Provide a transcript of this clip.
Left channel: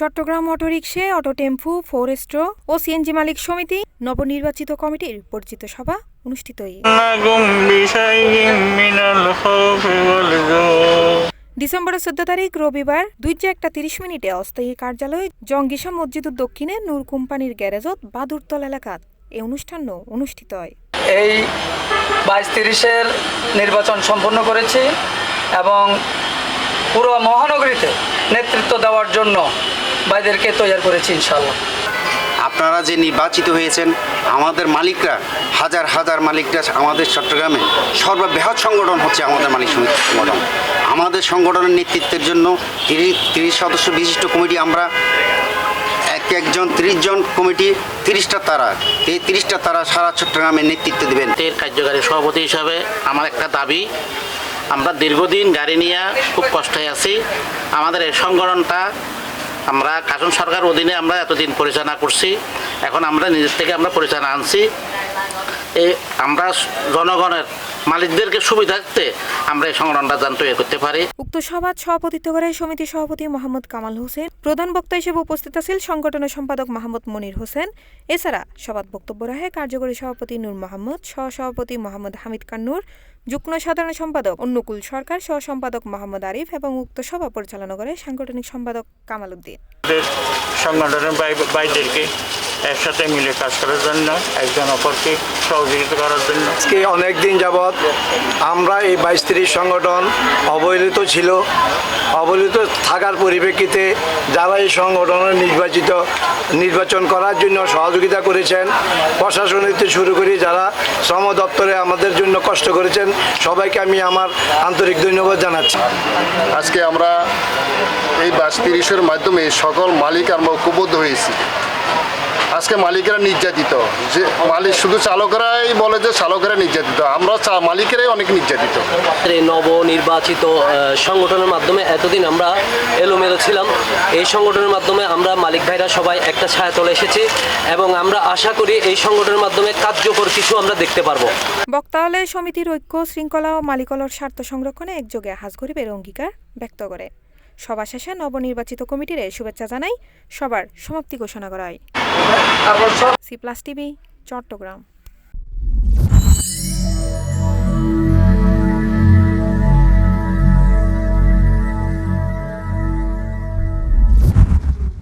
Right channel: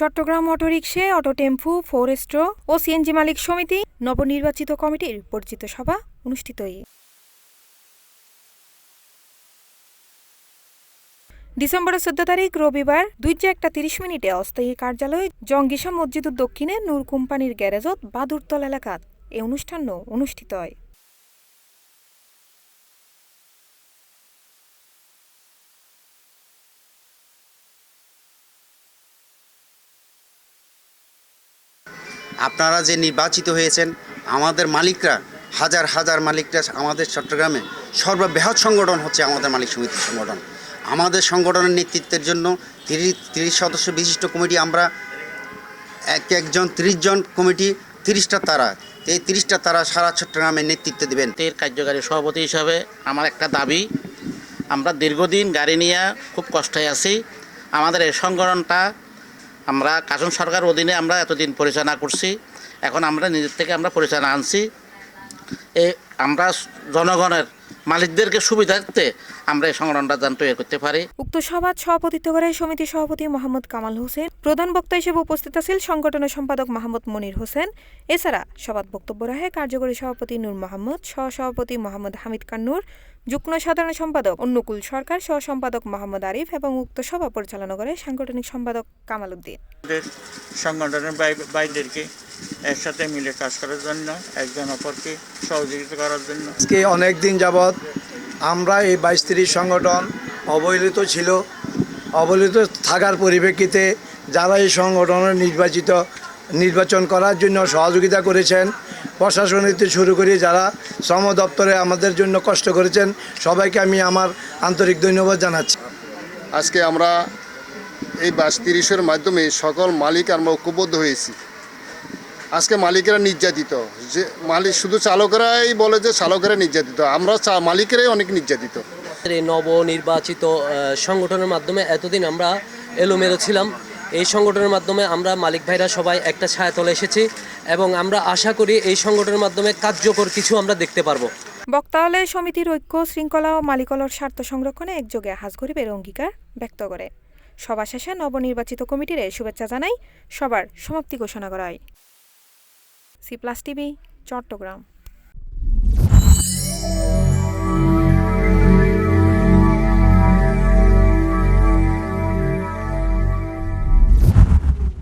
Chittagong autorickshaw, auto টেম্পু, ফোরেস্ট্রো ও CNG মালিক সমিতি নবনির্বাচিত কমিটির পরিচিত সভা অনুষ্ঠিত। ডিসেম্বরের 14 তারিখ রবিবার 2:31 অস্থায়ী কার্যালয় জঙ্গিশা মসজিদুর দক্ষিণে নূর কোম্পানির গ্যারেজত বাদুরতল এলাকাত এই অনুষ্ঠান অনুষ্ঠিত হয়। এই 22-30-এর নির্বাচন সম্পন্ন করেছি এবং পুরো মহানগরীতে নেতৃত্ব দেওয়ার জন্য ভাইদেরকে তৈরি করেছি ইনশাআল্লাহ। আপনারা যে নির্বাচিত হয়েছেন, আমাদের মালিকরা হাজার হাজার মালিকরা আমাদের চট্টগ্রামে সর্ববৃহৎ সংগঠন হচ্ছে আমাদের মালিক সমিতি সংগঠন। আমাদের সংগঠনের নেতৃত্বের জন্য 30 সদস্য বিশিষ্ট কমিটি, আমরা একজন 30 জন কমিটি, 30টা তারা, এই 30টা তারা সারা চট্টগ্রামের নেতৃত্ব দেবেন। এর কার্যকারী সভাপতি হিসাবে আমার একটা দাবি, আমরা দীর্ঘদিন গাড়ি নিয়ে খুব কষ্টে আছি। আমাদের এই সংগঠনটা আমরা কাশন সরকার অধীনে আমরা এতদিন পরিচালনা করছি, এখন আমরা নিজের থেকে আমরা পরিচালনা আনছি। আমরা জনগণের মালিকদেরকে সুবিধার্থে আমরা এই সংগঠনটা যান তৈরি করতে পারি। উক্ত সভায় সভাপতিত্ব করে সমিতি সভাপতি মোহাম্মদ কামাল হোসেন, প্রধান বক্তা হিসেবে উপস্থিত আছেন সংগঠনের সম্পাদক মাহমুদ মনির হোসেন। এছাড়া সভাত বক্তব্য রাখে কার্যকরী সভাপতি নূর মোহাম্মদ, সহসভাপতি মোহাম্মদ হামিদ কান্নুর, যুগ্ম সাধারণ সম্পাদক অনুকূল সরকার, সহ সম্পাদক মোহাম্মদ আরিফ এবং উক্ত সভা পরিচালনা করে সাংগঠনিক সম্পাদক কামাল উদ্দিন। সংগঠনের বাইরেকে একসাথে মিলে কাজ করার জন্য, একজন অপরকে সহযোগিতা করার জন্য আজকে অনেক দিন যাবৎ আমরা এই 22-30 সংগঠন অবহেলিত ছিল। অবহেলিত থাকার পরিপ্রেক্ষিতে যারা এই সংগঠনের নির্বাচন করার জন্য সহযোগিতা করেছেন, প্রশাসন হতে শুরু করে যারা শ্রম দপ্তরে আমাদের জন্য কষ্ট করেছেন, সবাইকে আমি আমার আন্তরিক ধন্যবাদ জানাচ্ছি। আজকে আমরা এই 22-30-এর মাধ্যমে সকল মালিক আমরা ঐক্যবদ্ধ হয়েছি। আজকে মালিকেরা নির্যাতিত, যে মালিক শুধু চালকেরাই বলে যে চালকেরা নির্যাতিত, আমরা মালিকেরাই অনেক নির্যাতিত। এই নবনির্বাচিত সংগঠনের মাধ্যমে এতদিন আমরা এলোমেলো ছিলাম। এই সংগঠনের মাধ্যমে আমরা মালিক ভাইরা সবাই একটা ছায়াতলে এসেছি এবং আমরা আশা করি এই সংগঠনের মাধ্যমে কার্যকর কিছু আমরা দেখতে পারবো। বক্তা হলে সমিতির ঐক্য, শৃঙ্খলা ও মালিকলর স্বার্থ সংরক্ষণে একযোগে হাজ গরিবের অঙ্গীকার ব্যক্ত করে। সভা শেষে নবনির্বাচিত কমিটির শুভেচ্ছা জানাই সবার সমাপ্তি ঘোষণা করা হয়। সি+ টিভি, চট্টগ্রাম।